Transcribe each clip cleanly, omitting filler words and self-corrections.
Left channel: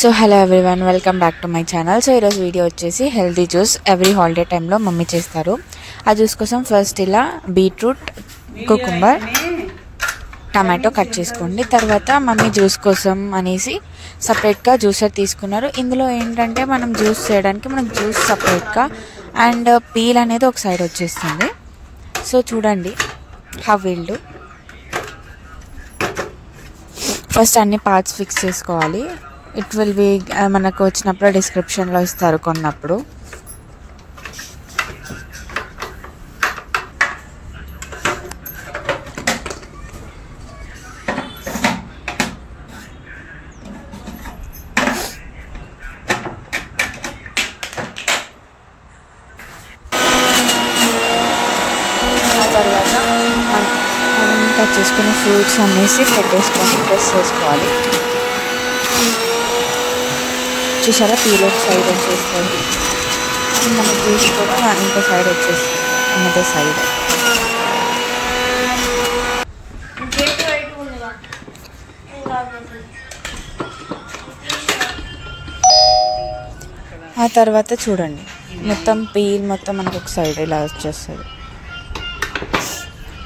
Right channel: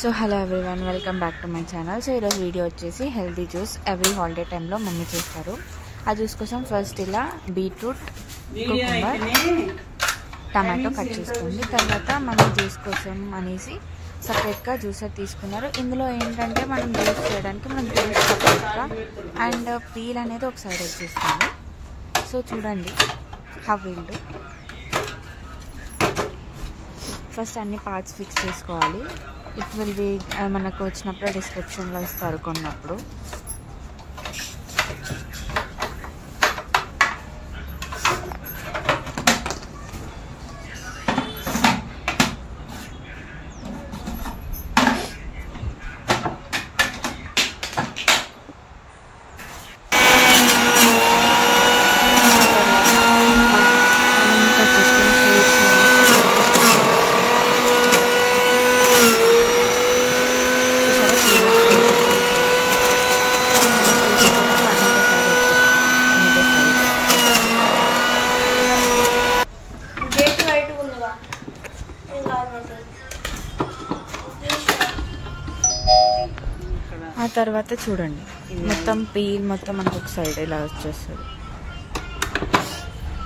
So hello everyone, welcome back to my channel. So ఈరోజు video వచ్చేసి healthy juice every holiday టైంలో mummy చేస్తారు. ఆ జ్యూస్ కోసం ఫస్ట్ ఇలా బీట్రూట్, కుకుంబర్, టమాటో కట్ చేసుకోండి. తర్వాత మమ్మీ జ్యూస్ కోసం అనేసి సపరేట్గా జ్యూసర్ తీసుకున్నారు. ఇందులో ఏంటంటే మనం జ్యూస్ చేయడానికి మనకు జ్యూస్ సపరేట్గా అండ్ పీల్ అనేది ఒక సైడ్ వచ్చేస్తుంది. సో చూడండి హౌ విల్ డూ. ఫస్ట్ అన్ని పార్ట్స్ ఫిక్స్ చేసుకోవాలి. ఇట్ విల్ బి మనకు వచ్చినప్పుడు డిస్క్రిప్షన్లో ఇస్తారు కొన్నప్పుడు. మనం కట్ చేసుకున్న ఫ్రూట్స్ అనేసి పెట్టేసుకొని ప్రెస్ చేసుకోవాలి. చూసారా పీలో సైడ్ వచ్చేస్తుంది, మన పీస్ కూడా ఇంకో సైడ్ వచ్చేస్తుంది. ఇంకో సైడ్ ఆ తర్వాత చూడండి మొత్తం పీల్ మొత్తం మనకు ఒక సైడ్ ఇలా వచ్చేస్తుంది.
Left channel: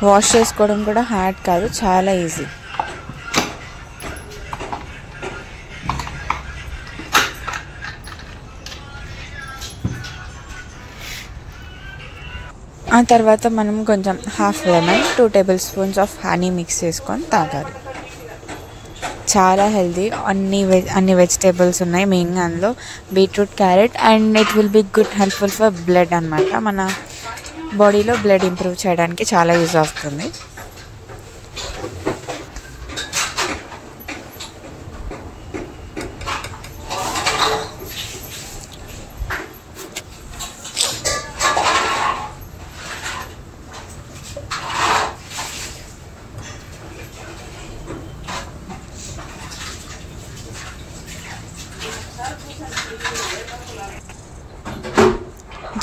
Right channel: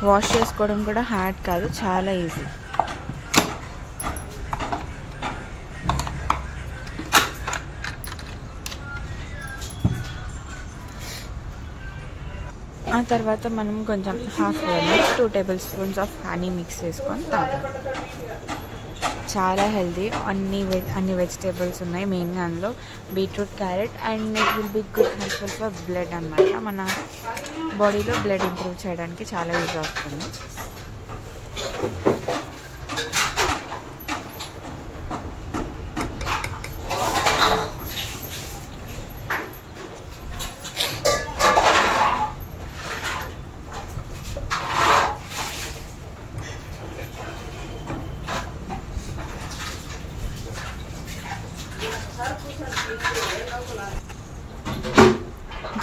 వాష్ చేసుకోవడం కూడా హార్డ్ కాదు, చాలా ఈజీ. ఆ తర్వాత మనం కొంచెం half lemon, 2 table spoons of honey mix చేసుకొని తాగాలి. చాలా హెల్తీ. అన్ని వెజిటేబుల్స్ ఉన్నాయి మెయిన్గా అందులో, beetroot, carrot, and it will be good helpful for blood అనమాట. మన బాడీలో బ్లడ్ ఇంప్రూవ్ చేయడానికి చాలా యూజ్ అవుతుంది.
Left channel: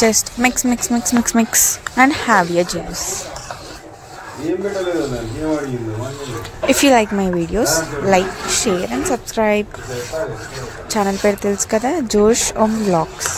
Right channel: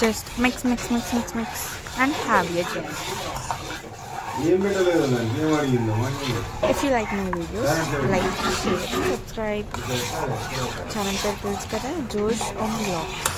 Just mix and have your juice. If you like my videos, like, share and subscribe. Channel per telusu kada, Josh Om Vlogs.